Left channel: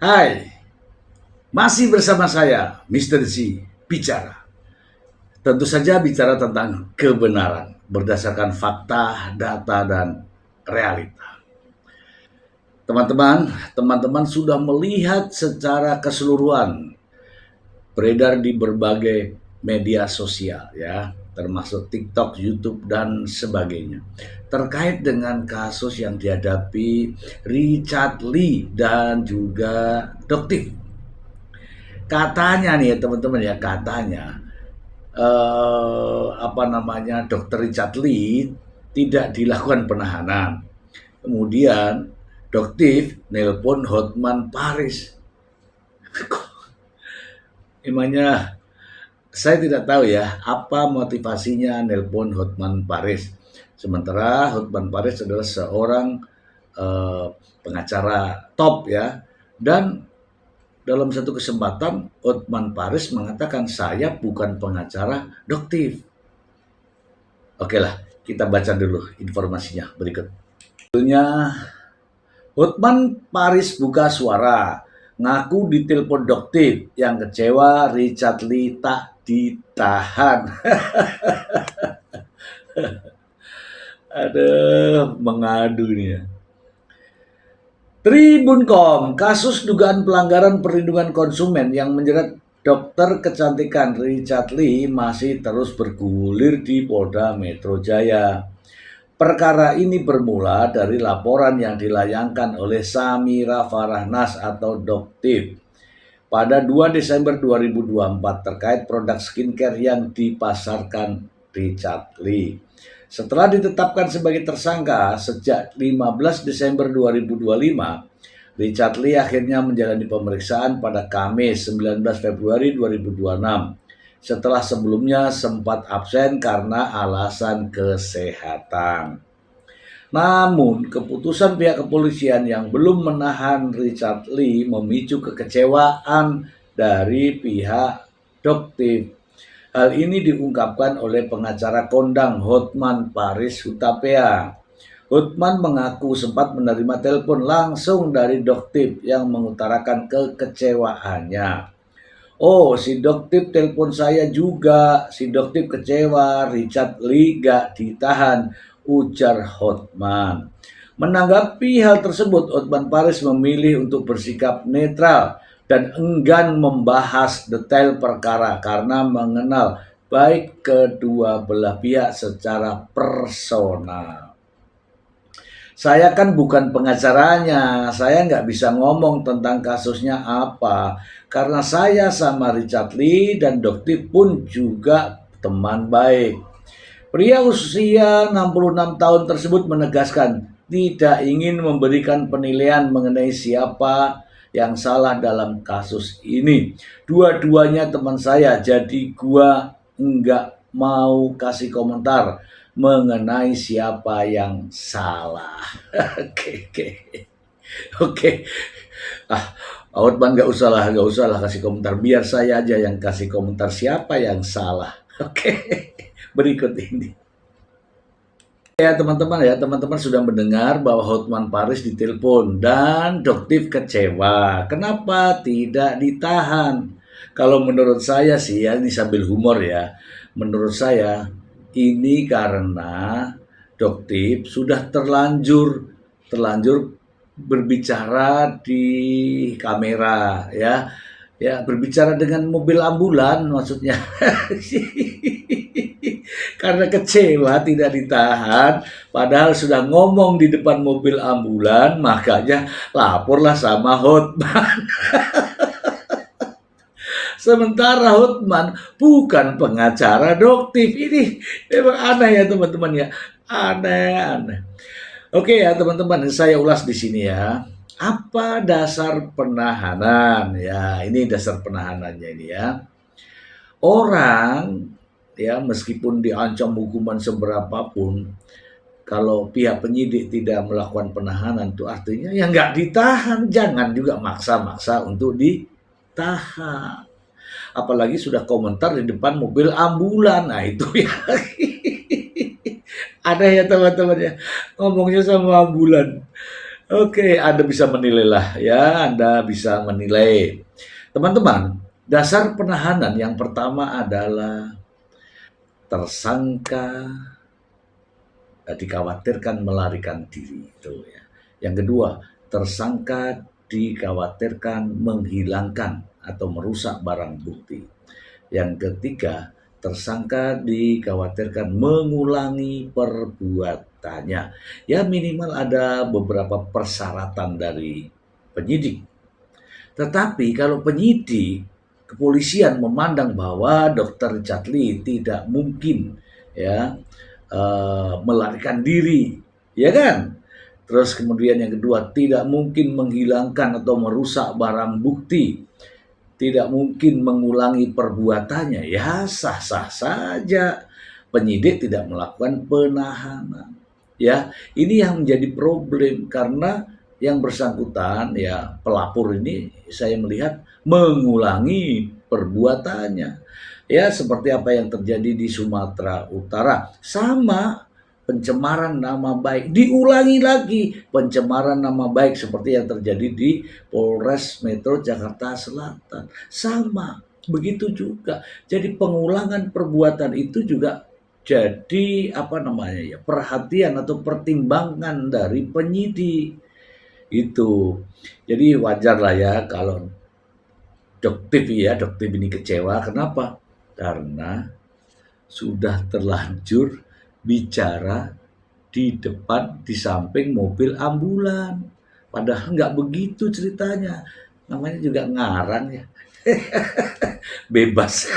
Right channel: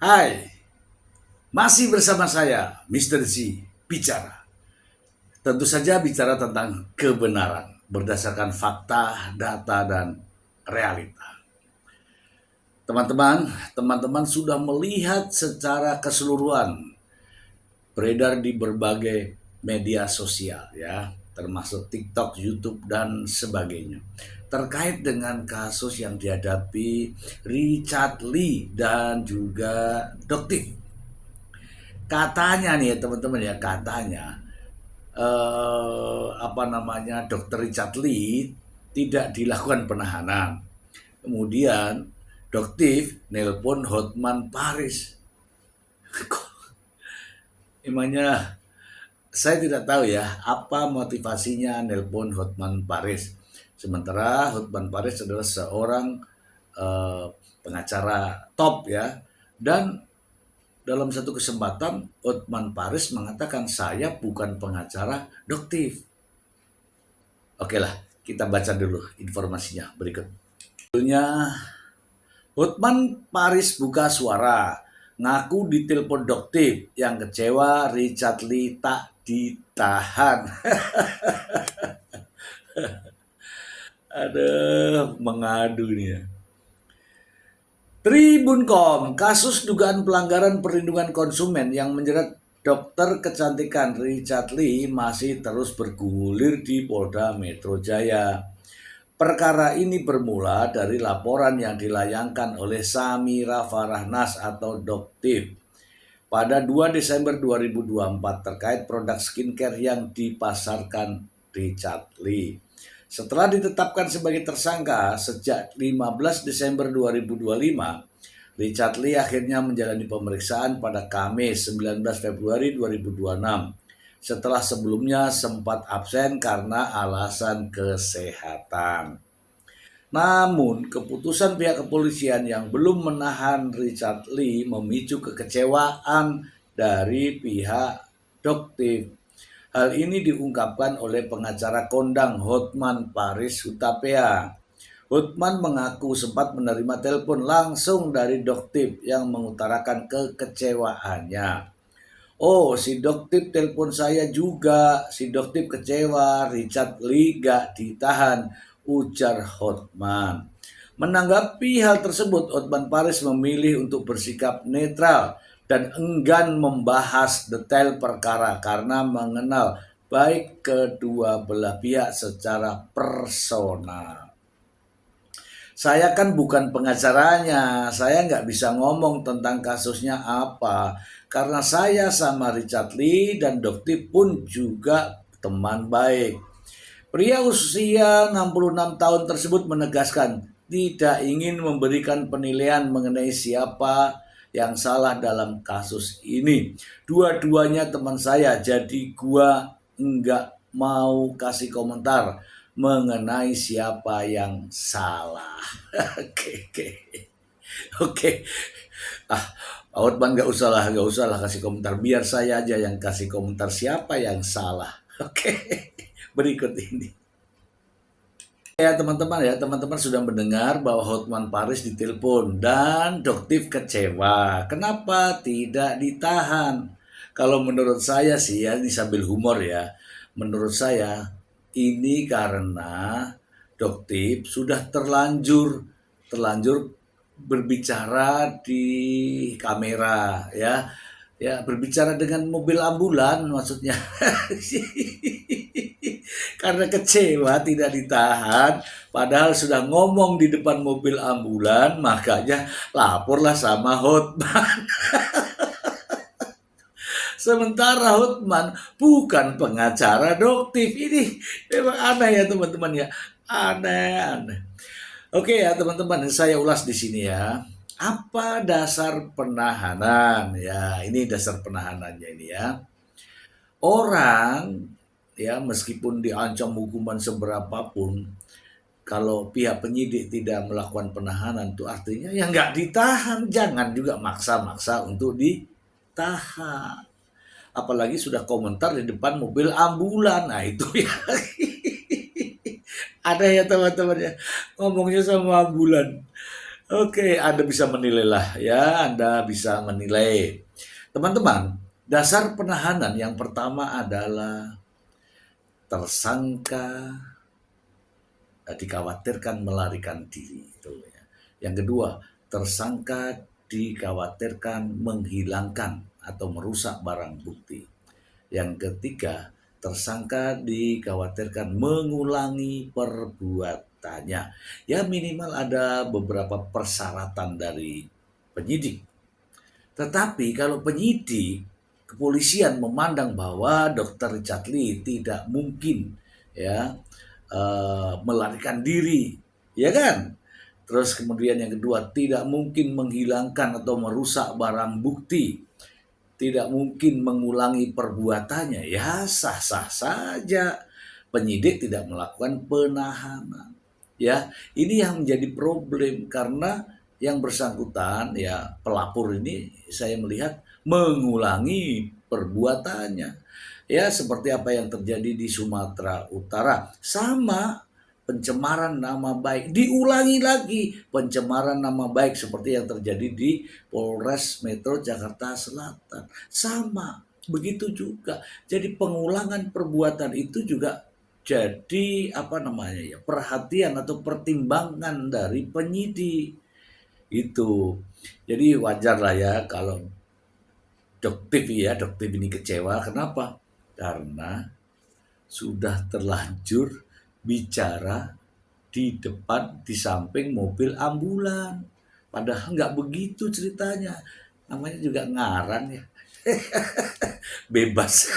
Hai, masih bersama saya, Mr. Z, bicara. Tentu saja bicara tentang kebenaran, berdasarkan fakta, data, dan realita. Teman-teman sudah melihat secara keseluruhan beredar di berbagai media sosial ya, termasuk TikTok, YouTube, dan sebagainya. Terkait dengan kasus yang dihadapi Richard Lee dan juga Doktif. Katanya nih ya teman-teman ya, katanya Dr. Richard Lee tidak dilakukan penahanan. Kemudian Doktif nelpon Hotman Paris. Emangnya saya tidak tahu ya apa motivasinya nelpon Hotman Paris. Sementara Hotman Paris adalah seorang eh, pengacara top ya, dan dalam satu kesempatan Hotman Paris mengatakan saya bukan pengacara Doktif. Oke lah, kita baca dulu informasinya berikut. Judulnya, Hotman Paris buka suara, ngaku ditelepon Doktif, yang kecewa Richard Lee tak ditahan. Aduh, mengadu nih ya. Tribun.com, kasus dugaan pelanggaran perlindungan konsumen yang menjerat dokter kecantikan Richard Lee masih terus bergulir di Polda Metro Jaya. Perkara ini bermula dari laporan yang dilayangkan oleh Samira Farahnas atau Doktif pada 2 Desember 2024 terkait produk skincare yang dipasarkan Richard Lee. Setelah ditetapkan sebagai tersangka sejak 15 Desember 2025, Richard Lee akhirnya menjalani pemeriksaan pada Kamis 19 Februari 2026 setelah sebelumnya sempat absen karena alasan kesehatan. Namun, keputusan pihak kepolisian yang belum menahan Richard Lee memicu kekecewaan dari pihak Doktif. Hal ini diungkapkan oleh pengacara kondang Hotman Paris Hutapea. Hotman mengaku sempat menerima telepon langsung dari Doktif yang mengutarakan kekecewaannya. Oh, si Doktif telepon saya juga. Si Doktif kecewa, Richard Lee gak ditahan, ujar Hotman. Menanggapi hal tersebut, Hotman Paris memilih untuk bersikap netral dan enggan membahas detail perkara karena mengenal baik kedua belah pihak secara personal. Saya kan bukan pengacaranya, saya nggak bisa ngomong tentang kasusnya apa, karena saya sama Richard Lee dan Doktif pun juga teman baik. Pria usia 66 tahun tersebut menegaskan tidak ingin memberikan penilaian mengenai siapa yang salah dalam kasus ini. Dua-duanya teman saya, jadi gua enggak mau kasih komentar mengenai siapa yang salah. Oke. Ah, Outman nggak usah lah kasih komentar. Biar saya aja yang kasih komentar siapa yang salah. Oke, berikut ini. Ya teman-teman sudah mendengar bahwa Hotman Paris ditelepon dan Doktif kecewa. Kenapa tidak ditahan? Kalau menurut saya sih ya, ini sambil humor ya. Menurut saya ini karena Doktif sudah terlanjur berbicara di kamera ya. Ya, berbicara dengan mobil ambulan maksudnya. Karena kecewa tidak ditahan, padahal sudah ngomong di depan mobil ambulan, makanya laporlah sama Hotman. Sementara Hotman bukan pengacara Doktif. Ini memang aneh ya teman-teman ya. Aneh. Oke ya teman-teman, saya ulas di sini ya. Apa dasar penahanan? Ya, ini dasar penahanannya ini ya. Orang ya meskipun diancam hukuman seberapapun, kalau pihak penyidik tidak melakukan penahanan itu artinya ya nggak ditahan. Jangan juga maksa-maksa untuk ditahan. Apalagi sudah komentar di depan mobil ambulan. Nah itu ya ada ya teman-teman ya, ngomongnya sama ambulan. Oke, Anda bisa menilailah ya, Anda bisa menilai. Teman-teman, dasar penahanan yang pertama adalah tersangka dikhawatirkan melarikan diri itu ya. Yang kedua, tersangka dikhawatirkan menghilangkan atau merusak barang bukti. Yang ketiga, tersangka dikhawatirkan mengulangi perbuatannya. Ya minimal ada beberapa persyaratan dari penyidik. Tetapi kalau penyidik kepolisian memandang bahwa Dr. Chatli tidak mungkin ya melarikan diri, ya kan? Terus kemudian yang kedua, tidak mungkin menghilangkan atau merusak barang bukti, tidak mungkin mengulangi perbuatannya, ya sah-sah saja penyidik tidak melakukan penahanan. Ya, ini yang menjadi problem karena yang bersangkutan ya pelapor ini saya melihat mengulangi perbuatannya. Ya, seperti apa yang terjadi di Sumatera Utara. Sama pencemaran nama baik, diulangi lagi pencemaran nama baik seperti yang terjadi di Polres Metro Jakarta Selatan. Sama, begitu juga. Jadi pengulangan perbuatan itu juga jadi apa namanya ya, perhatian atau pertimbangan dari penyidik itu. Jadi wajar lah ya kalau Doktiv ini kecewa. Kenapa? Karena sudah terlanjur bicara di depan, di samping mobil ambulan. Padahal nggak begitu ceritanya. Namanya juga ngarang ya. Bebas.